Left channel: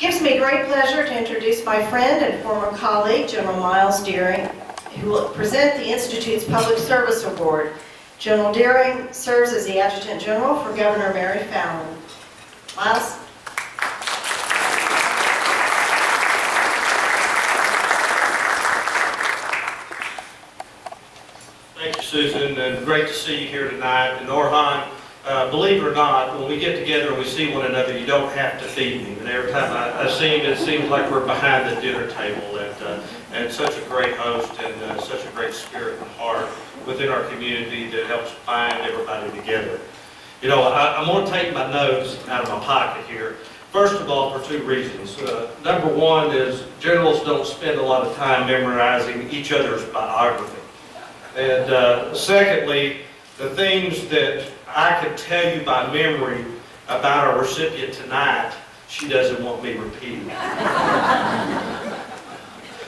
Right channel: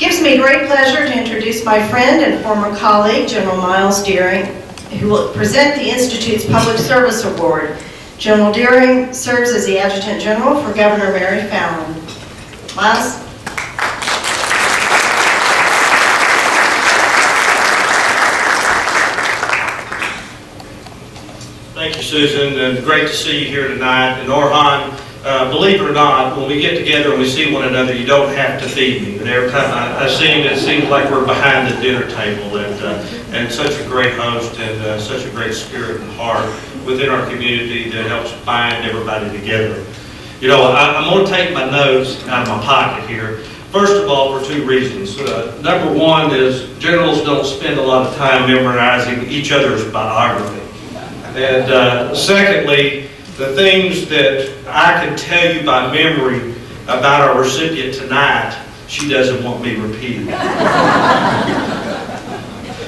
Gives me great pleasure to introduce my friend and former colleague, General Miles Deering, who will present the Institute's Public Service Award. General Deering serves as the Adjutant General for Governor Mary Fallin. Miles? Thank you, Susan, and great to see you here tonight. And Orhan, believe it or not, when we get together and we see one another, you don't have to feed me. But every time I see him, it seems like we're behind the dinner table. And such a great host and such a great spirit and heart within our community that helps bind everybody together. You know, I'm going to take my notes out of my pocket here. First of all, for two reasons. Number one is generals don't spend a lot of time memorizing each other's biography. And secondly, the things that I can tell you by memory about our recipient tonight, she doesn't want me repeating.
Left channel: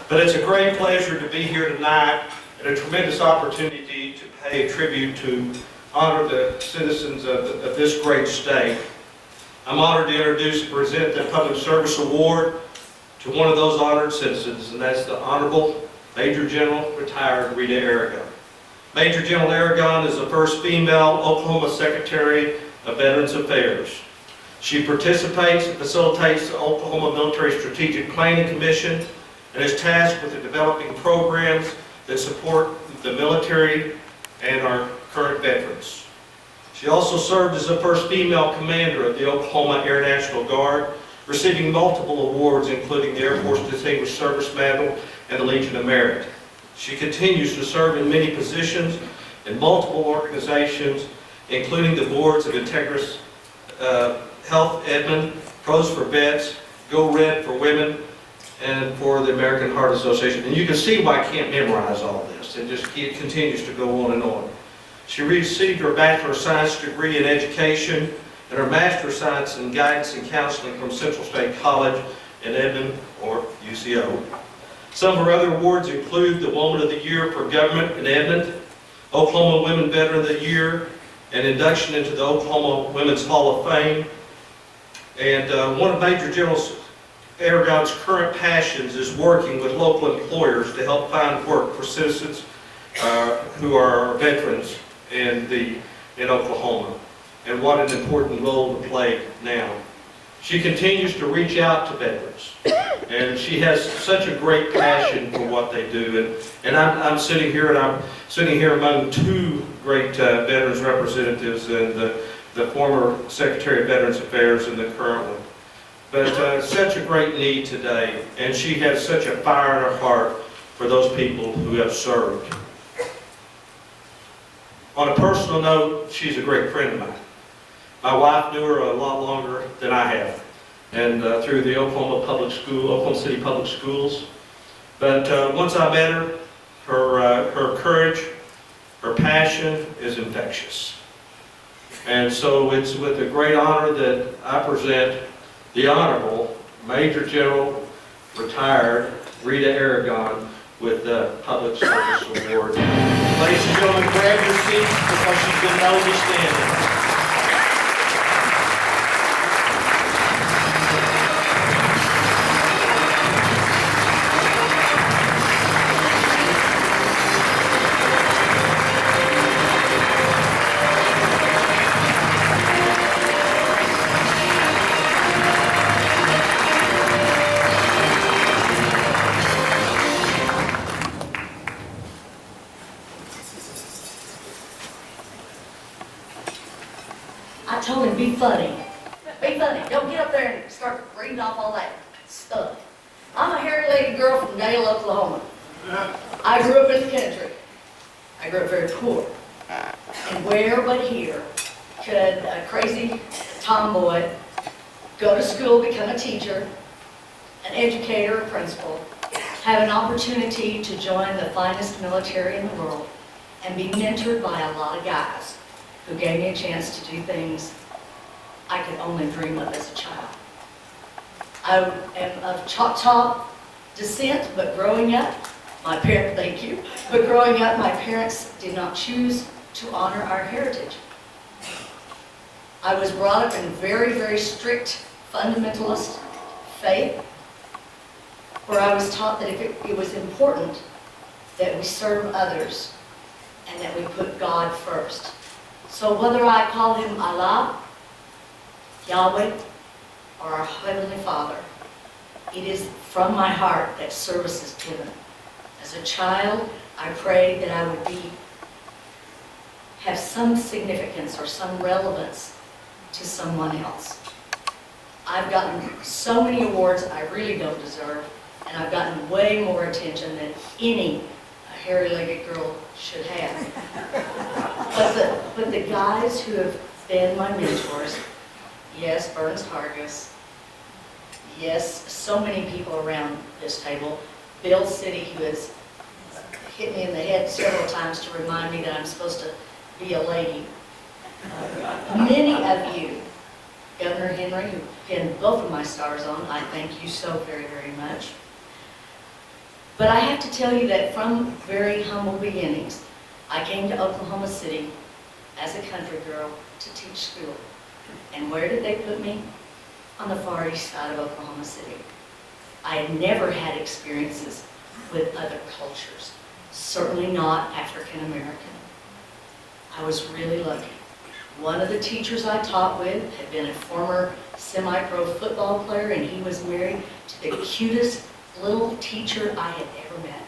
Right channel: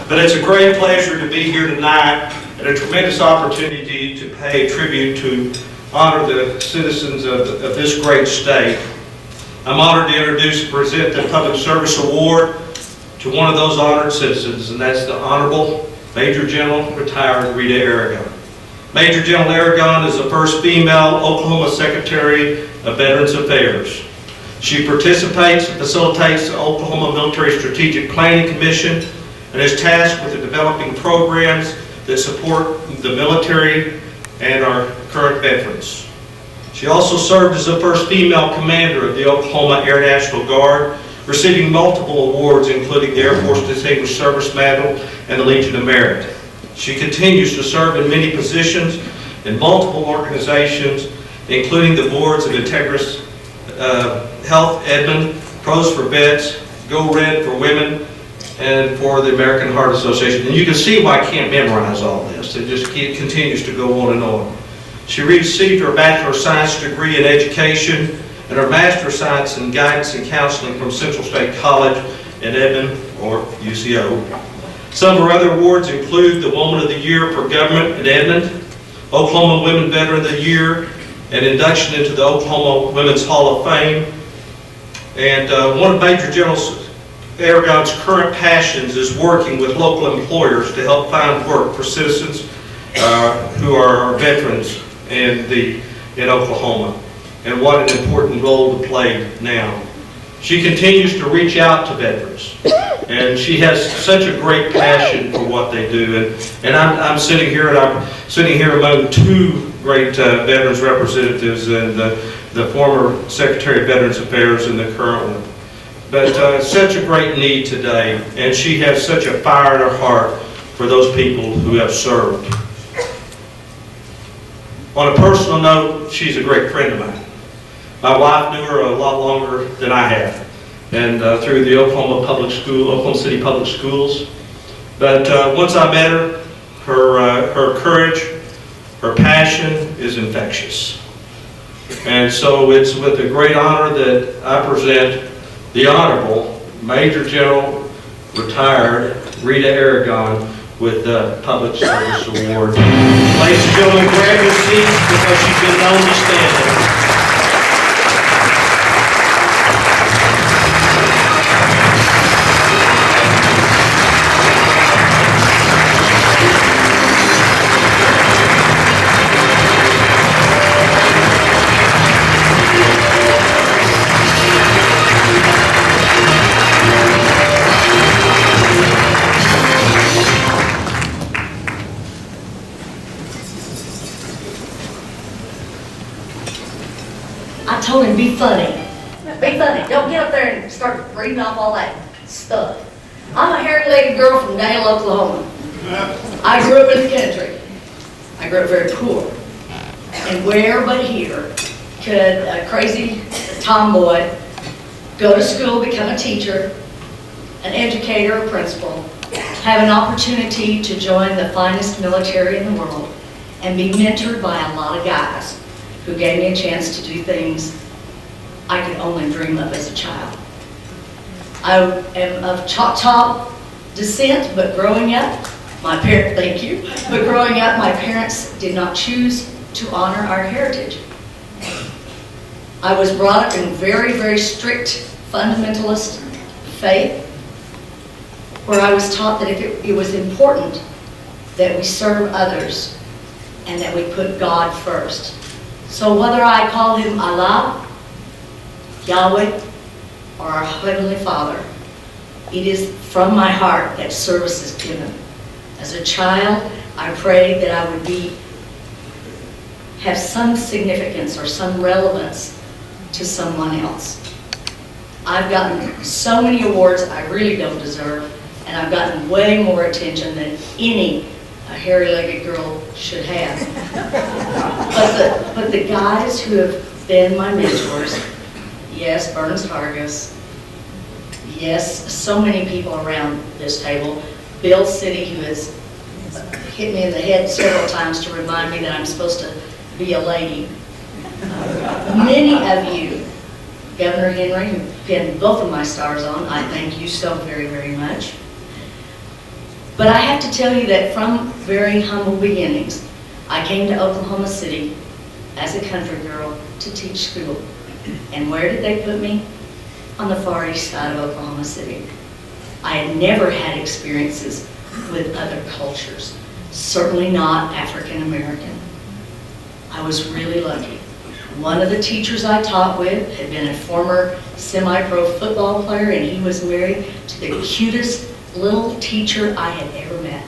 But it's a great pleasure to be here tonight and a tremendous opportunity to pay tribute to honor the citizens of this great state. I'm honored to introduce and present the Public Service Award to one of those honored citizens, and that's the Honorable Major General Retired Rita Aragorn. Major General Aragorn is the first female Oklahoma Secretary of Veterans Affairs. She participates and facilitates the Oklahoma Military Strategic Planning Commission and is tasked with developing programs that support the military and our current veterans. She also served as the first female commander of the Oklahoma Air National Guard, receiving multiple awards including the Air Force Distinguished Service Medal and the Legion of Merit. She continues to serve in many positions in multiple organizations, including the boards of Integris Health Edmond, Pros for Vets, Go Red for Women, and for the American Heart Association. And you can see why I can't memorize all this. It just continues to go on and on. She received her Bachelor of Science degree in Education and her Master of Science in Guidance and Counseling from Central State College in Edmond, or UCO. Some of her other awards include the Woman of the Year for Government in Edmond, Oklahoma Women Veteran of the Year, and induction into the Oklahoma Women's Hall of Fame. And one of Major General Aragorn's current passions is working with local employers to help find work for citizens who are veterans in Oklahoma, and what an important role to play now. She continues to reach out to veterans, and she has such a great passion for what they do. And I'm sitting here, and I'm sitting here among two great veterans representatives, and the former Secretary of Veterans Affairs and the current one. But such a great need today, and she has such a fire in her heart for those people who have served. On a personal note, she's a great friend of mine. My wife knew her a lot longer than I have, and through the Oklahoma City Public Schools. But once I met her, her courage, her passion is infectious. And so it's with a great honor that I present the Honorable Major General Retired Rita Aragorn with the Public Service Award. Ladies and gentlemen, grab your seats because she's been known to stand there. I told him, be funny. Be funny. Don't get up there and start reading off all that stuff. I'm a hairy-legged girl from Dale, Oklahoma. I grew up in the country. I grew up very poor. And where but here could a crazy tomboy go to school, become a teacher, an educator, a principal, have an opportunity to join the finest military in the world, and be mentored by a lot of guys who gave me a chance to do things I could only dream of as a child. I am of Choctaw descent, but growing up, my parents did not choose to honor our heritage. I was brought up in very, very strict fundamentalist faith, where I was taught that it was important that we serve others and that we put God first. So whether I call him Allah, Yahweh, or our Heavenly Father, it is from my heart that service is given. As a child, I prayed that I would have some significance or some relevance to someone else. I've gotten so many awards I really don't deserve, and I've gotten way more attention than any hairy-legged girl should have. But the guys who have been my mentors, yes, Burns Hargis, yes, so many people around this table, Bill City, who has hit me in the head several times to remind me that I'm supposed to be a lady. Many of you, Governor Henry, who pinned both of my stars on, I thank you so very, very much. But I have to tell you that from very humble beginnings, I came to Oklahoma City as a country girl to teach school. And where did they put me? On the far east side of Oklahoma City. I had never had experiences with other cultures, certainly not African American. I was really lucky. One of the teachers I taught with had been a former semi-pro football player, and he was married to the cutest little teacher I had ever met.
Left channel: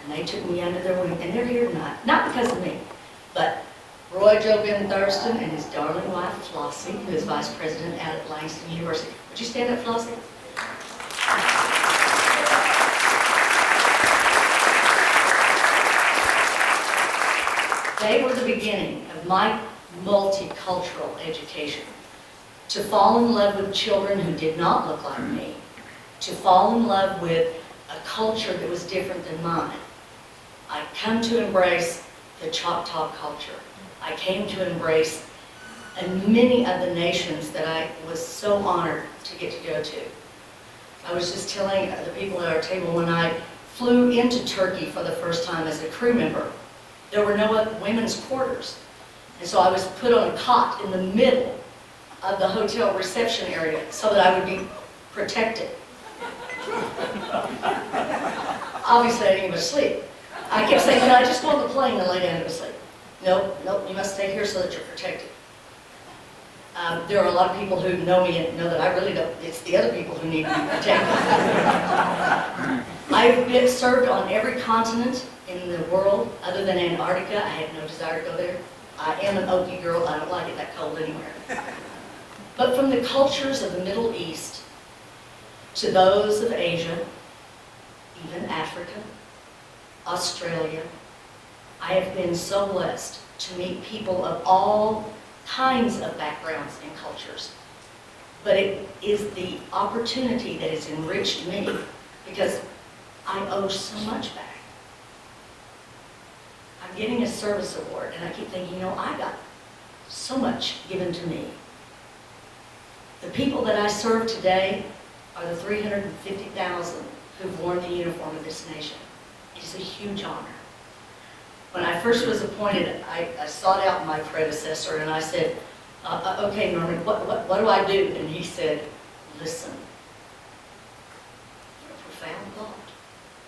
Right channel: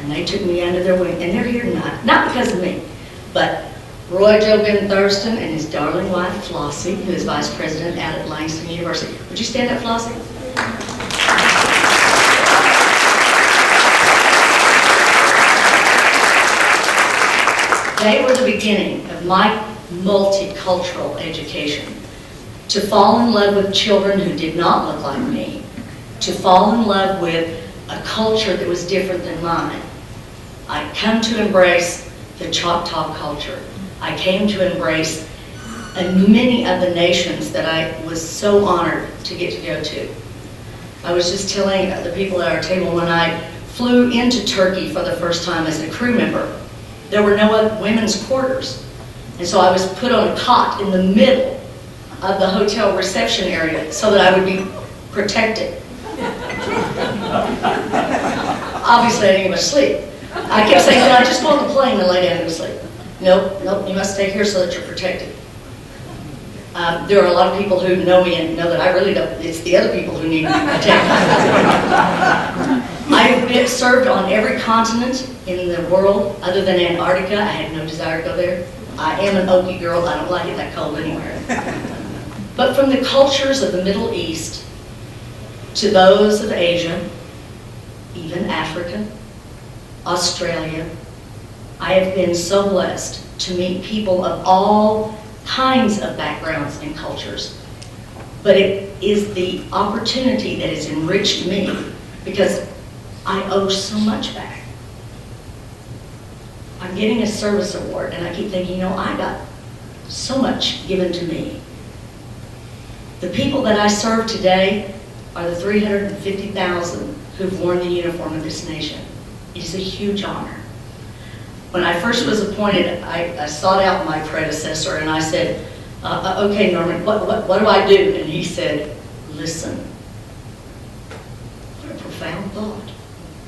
And they took me under their wing, and they're here tonight, not because of me, but Roy Joe Ben Thurston and his darling wife Flossie, who is vice president out at Langston University. Would you stand up, Flossie? They were the beginning of my multicultural education. To fall in love with children who did not look like me, to fall in love with a culture that was different than mine. I come to embrace the Choctaw culture. I came to embrace many of the nations that I was so honored to get to go to. I was just telling the people at our table when I flew into Turkey for the first time as a crew member, there were no women's quarters. And so I was put on a cot in the middle of the hotel reception area so that I would be protected. Obviously I didn't get much sleep. I kept saying, "Can I just go on the plane and lay down and go to sleep?" Nope, you must stay here so that you're protected. There are a lot of people who know me and know that I really don't, it's the other people who need to be protected. I've served on every continent in the world other than Antarctica. I had no desire to go there. I am an Okie girl, I don't like it that cold anywhere. But from the cultures of the Middle East to those of Asia, even Africa, Australia, I have been so blessed to meet people of all kinds of backgrounds and cultures. But it is the opportunity that has enriched me because I owe so much back. I'm getting a service award and I keep thinking, I got so much given to me. The people that I serve today are the 350,000 who've worn the uniform of this nation. It is a huge honor. When I first was appointed, I sought out my predecessor and I said, okay, Norman, what do I do? And he said, listen. What a profound thought.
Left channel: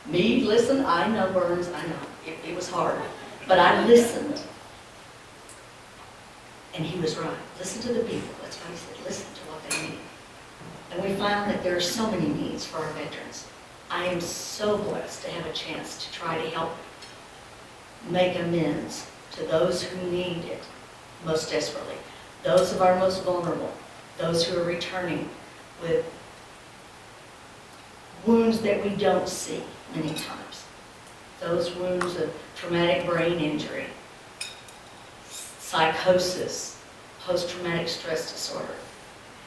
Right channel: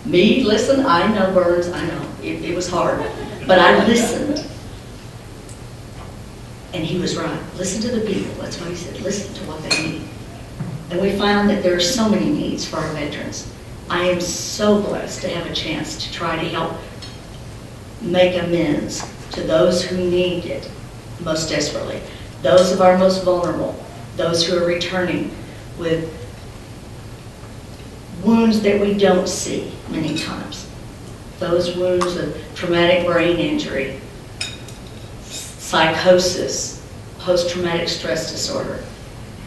Me, listen, I know, Burns, I know. It was hard. But I listened. And he was right. Listen to the people. That's what he said. Listen to what they need. And we found that there are so many needs for our veterans. I am so blessed to have a chance to try to help make amends to those who need it most desperately, those of our most vulnerable, those who are returning with wounds that we don't see many times, those wounds of traumatic brain injury, psychosis, post-traumatic stress disorder,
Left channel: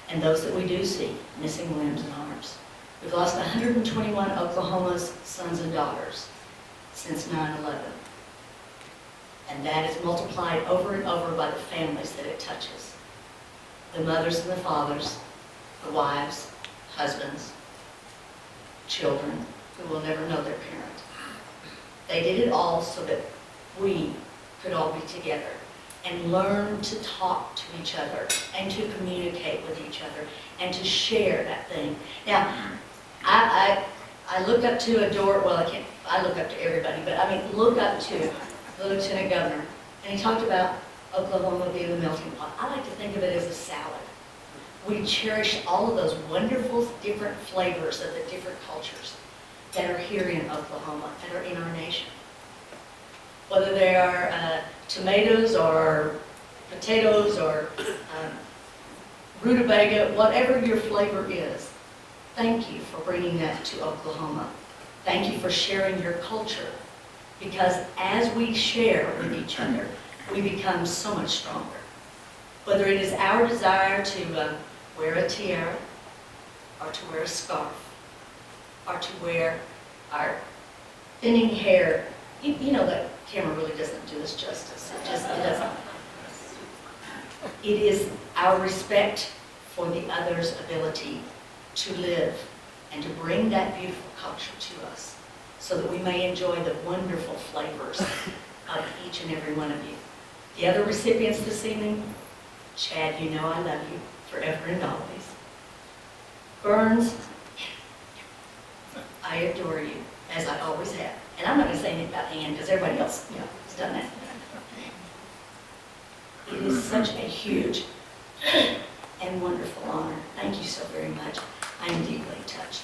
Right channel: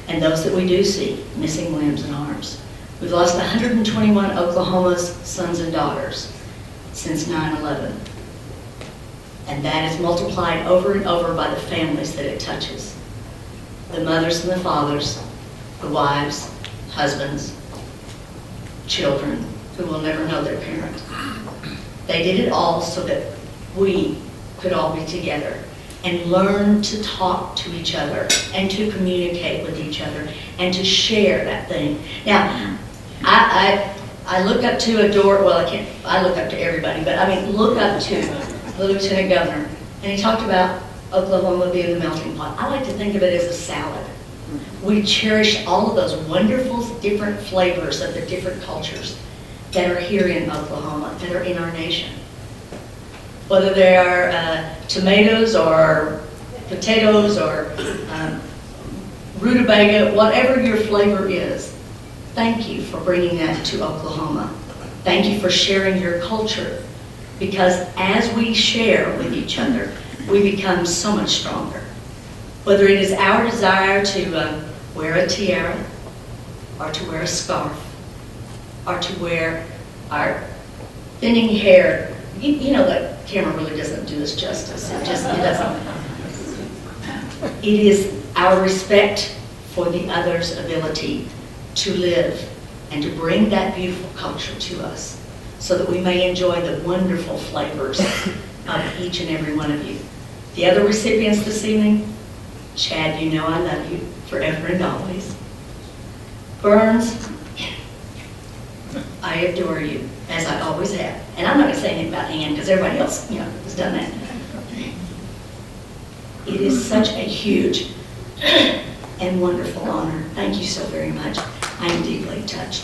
and those that we do see, missing limbs and arms. We've lost 121 Oklahoma's sons and daughters since 9/11. And that is multiplied over and over by the families that it touches. The mothers and the fathers, the wives, husbands, children who will never know their parent. They did it all so that we could all be together. and learn to talk to each other and to communicate with each other and to share that thing. Now, I look up to, adore, well, I look up to everybody, but I mean, look up to the Lieutenant Governor, and he talked about Oklahoma being the melting pot. I like to think of it as a salad. We cherish all of those wonderful different flavors of the different cultures that are here in Oklahoma, that are in our nation. Whether they are tomatoes or potatoes or rutabaga, whatever your flavor is, thank you for bringing that to Oklahoma. Thank you for sharing your culture, because as we share with each other, we become so much stronger. Whether it is our desire to wear a tiara, or to wear a scarf, or to wear our thinning hair. You know that camera really doesn't do us justice. It doesn't. It is our respect for the other's ability to live and to bring that beautiful culture to us so that we may enjoy the wonderful flavors of each and every one of you. The other recipients this evening, Chad, you know I love you forever and always. Burns, I adore you, as I always have. And I'm not going to say anything about Ann, because everybody else, has done that. It is such a huge and wonderful honor. Thank you so very much. I am deeply touched.